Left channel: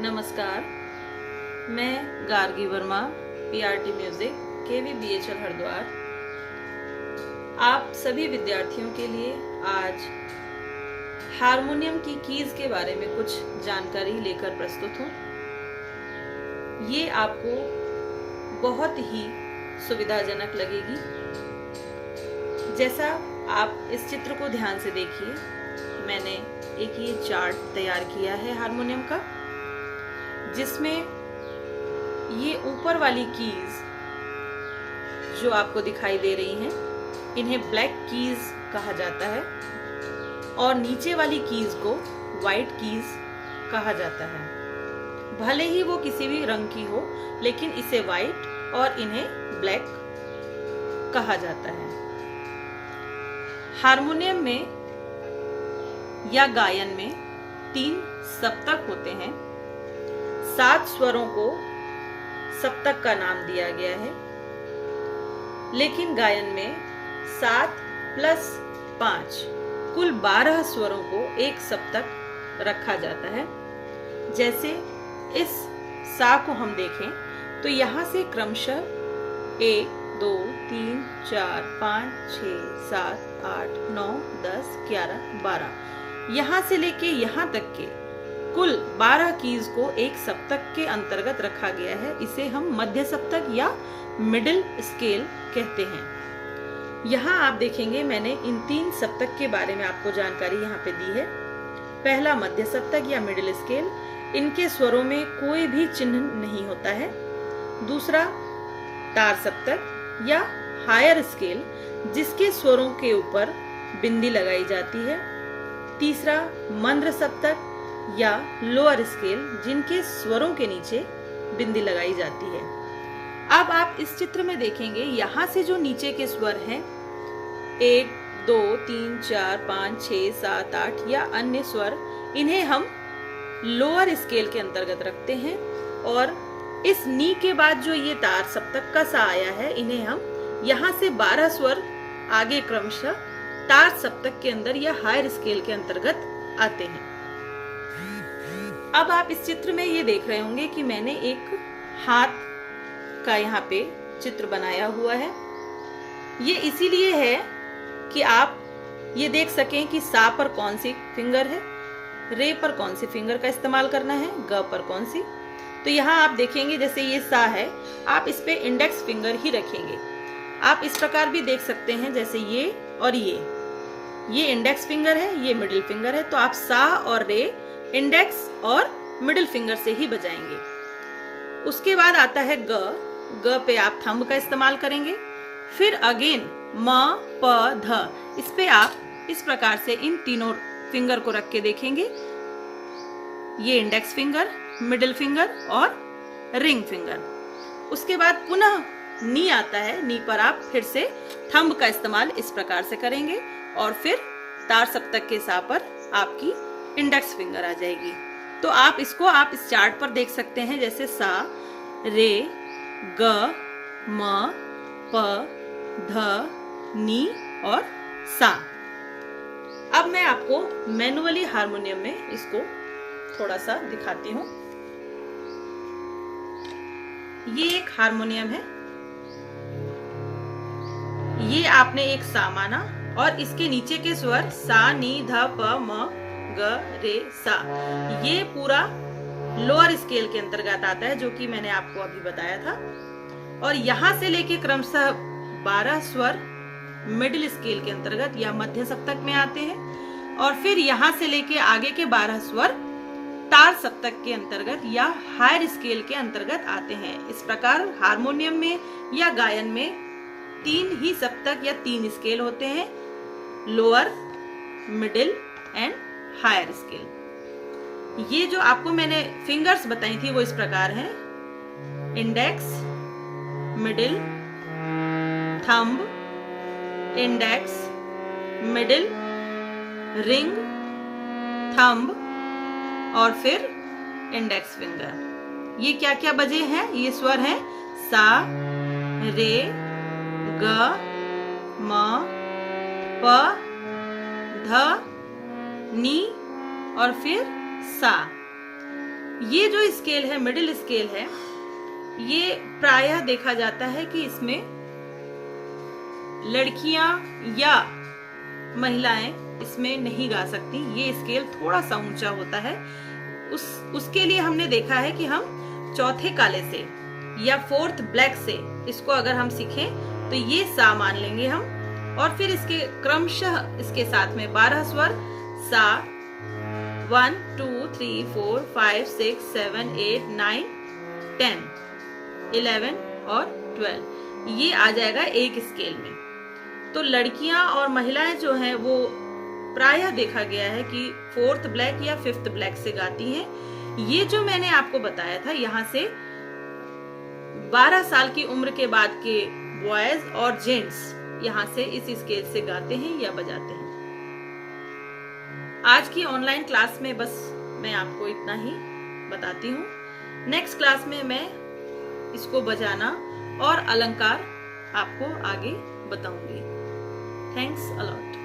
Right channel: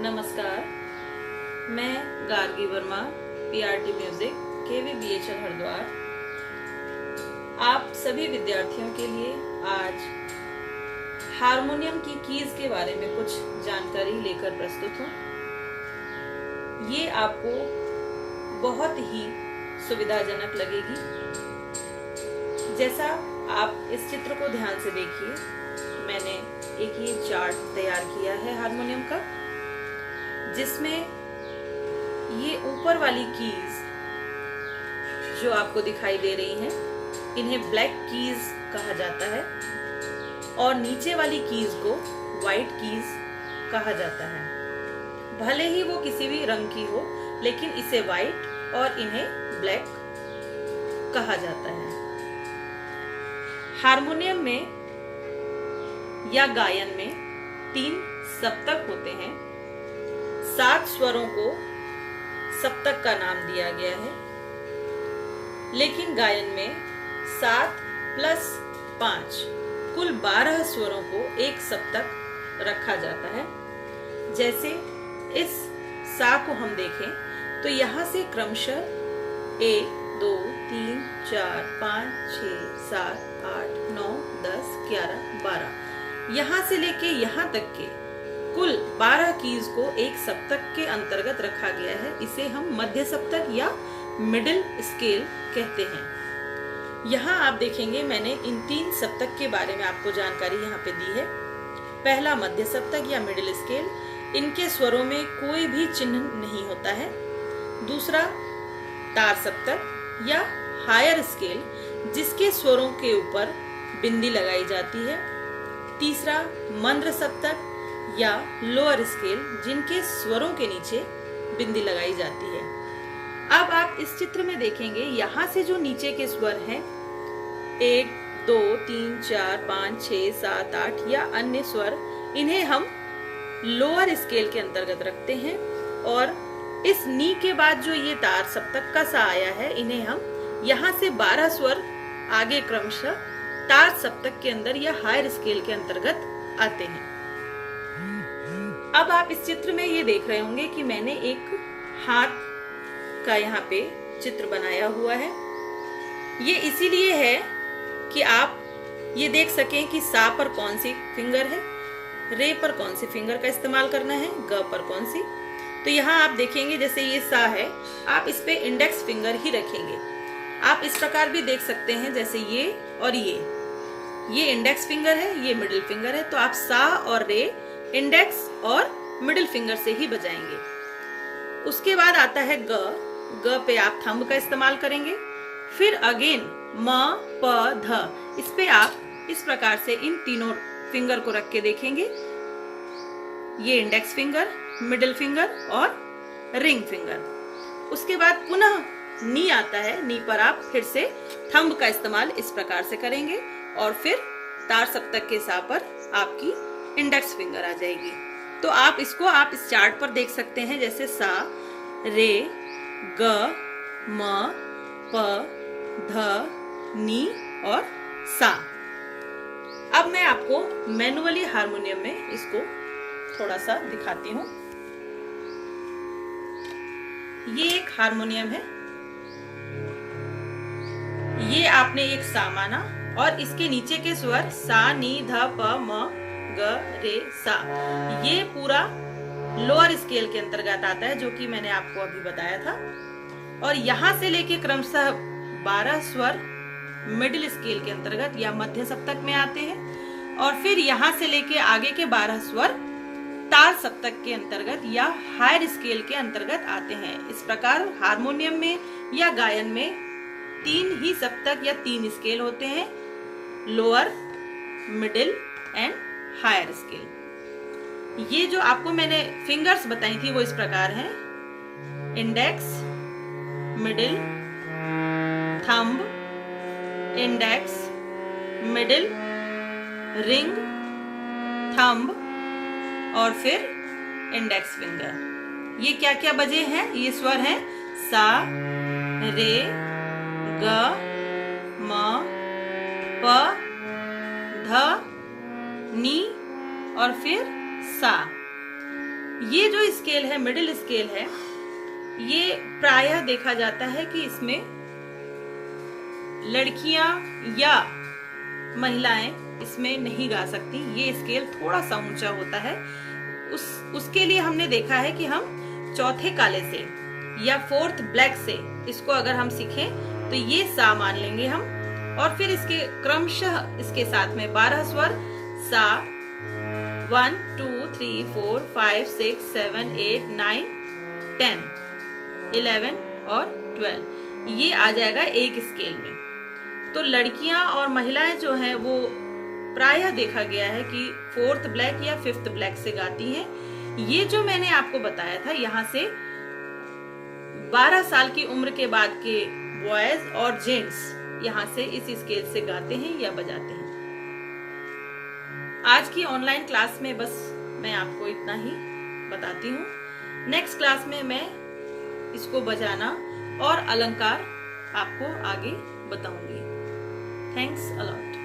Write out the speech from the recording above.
नमस्कार, मैं Gargi Verma, PRT music, KVBHL Haridwar. आप सभी विद्यार्थियों के लिए आज हारमोनियम की कीज के बारे में कुछ जानकारी लेकर प्रस्तुत हूँ। ये आपको बहुत ही सुविधाजनक लगेगी। जैसा आप इस चित्र को ध्यान से देखिए, मैंने एक ये चार्ट तैयार किया है हारमोनियम का, जिसमें ये ऊपर वाली कीज जो आपको दिखाई दे रही हैं, इन्हें ब्लैक कीज कहा जाता है और नीचे वाली कीज को व्हाइट कीज कहा जाता है। भले ही वो किसी भी रंग की हो, लेकिन इसे व्हाइट और इन्हें ब्लैक कहा जाता है। हारमोनियम में या गायन में 3 सप्तक होते हैं। 7 स्वरों को सप्तक का नाम दिया गया है, लेकिन गायन में 7 + 5 कुल 12 स्वरों को एक सप्तक रखा जाता है। जैसे इस सा को हम देखें तो यहाँ से क्रमशः 1 2 3 4 5 6 7 8 9 10 11 12 यहाँ से लेके यहाँ तक के कुल 12 कीज को एक सप्तक के अंतर्गत रखा गया है। इसे हम मध्य सप्तक या मिडिल स्केल कहते हैं। यहाँ आप देखेंगे मैंने इन 3 सप्तक के बारे में आपको जानकारी यहाँ पे दी है। पहला मध्य सप्तक या मिडिल स्केल, इनके स्वरों में कोई भी चिन्ह नहीं होता है। दूसरा तार सप्तक या हायर स्केल, जिसके स्वरों के ऊपर बिंदी लगाई जाती है। तीसरा मंद्र सप्तक या लोअर स्केल, जिनके स्वरों के नीचे बिंदी लगाई जाती है। अब आप इस चित्र में देखेंगे, यहाँ से जो नीचे के स्वर हैं 1 2 3 4 5 6 7 8 या अन्य स्वर, इन्हें हम लोअर स्केल के अंतर्गत रखते हैं। और इस नी के बाद जो ये तार सप्तक का सा आया है, इन्हें हम यहाँ से 12 स्वर आगे क्रमशः तार सप्तक के अंदर या हायर स्केल के अंतर्गत आते हैं। अब आप इस चित्र में ये देख रहे होंगे कि मैंने एक हाथ का यहाँ पे चित्र बनाया हुआ है। ये इसीलिए है कि आप ये देख सकें कि सा पर कौन सी फिंगर है, रे पर कौन सी फिंगर का इस्तेमाल करना है, ग पर कौन सी। तो यहाँ आप देखेंगे जैसे ये सा है, आप इस पे इंडेक्स फिंगर ही रखेंगे। आप इस प्रकार भी देख सकते हैं, जैसे ये और ये इंडेक्स फिंगर है, ये मिडिल फिंगर है। तो आप सा और रे इंडेक्स और मिडिल फिंगर से ही बजाएंगे। उसके बाद आता है ग। ग पे आप थंब का इस्तेमाल करेंगे। फिर अगेन म प ध, इस पे आप इस प्रकार से इन तीनों फिंगर को रख के देखेंगे। ये इंडेक्स फिंगर, मिडिल फिंगर और रिंग फिंगर। उसके बाद पुनः नी आता है। नी पर आप फिर से थंब का इस्तेमाल इस प्रकार से करेंगे और फिर तार सप्तक के सा पर आपकी इंडेक्स फिंगर आ जाएगी। तो आप इसको इस चार्ट पर देख सकते हैं, जैसे सा, रे, ग, म, प, ध, नी और सा। अब मैं आपको मैनुअली हारमोनियम में इसको थोड़ा सा दिखाती हूँ। ये एक हारमोनियम है। ये आपने एक सा माना और इसके नीचे के स्वर सा, नी, ध, प, म, ग, रे, सा, ये पूरा लोअर स्केल के अंतर्गत आता है, जो कि मैंने आपको अभी बताया था। और यहाँ से लेके क्रमशः 12 स्वर मिडिल स्केल के अंतर्गत या मध्य सप्तक में आते हैं। और फिर यहाँ से लेके आगे के 12 स्वर तार सप्तक के अंतर्गत या हायर स्केल के अंतर्गत आते हैं। इस प्रकार हारमोनियम में या गायन में 3 ही सप्तक या 3 स्केल होते हैं, lower, middle and higher scale. ये जो आपको मैंने फिंगर्स बताई थी वो इस प्रकार हैं: index, middle, thumb, index, middle, ring, thumb और फिर इंडेक्स फिंगर। ये क्या क्या बजे हैं? ये स्वर हैं सा, रे, ग, म, प, ध, नी और फिर सा। ये जो स्केल है, मिडिल स्केल है, ये प्रायः देखा जाता है कि इसमें लड़कियां या महिलाएं इसमें नहीं गा सकती। ये स्केल थोड़ा सा ऊंचा होता है। उसके लिए हमने देखा है कि हम चौथे काले से या फोर्थ ब्लैक से इसको अगर हम सीखें तो ये सा मान लेंगे हम, और फिर इसके क्रमशः इसके साथ में 12 स्वर सा 1 2 3 4 5 6 7 8 9 10 11 और 12 ये आ जाएगा एक स्केल में। तो लड़कियां और महिलाएं जो हैं वो प्रायः देखा गया है कि फोर्थ ब्लैक या फिफ्थ ब्लैक से गाती हैं। ये जो मैंने आपको बताया था, यहाँ से 12 साल की उम्र के बाद के बॉयज और जेंट्स यहाँ से इस स्केल से गाते हैं या बजाते हैं। आज की ऑनलाइन क्लास में बस मैं आपको इतना ही बताती हूँ। नेक्स्ट क्लास में मैं इसको बजाना और अलंकार आपको आगे बताऊंगी। Thanks a lot.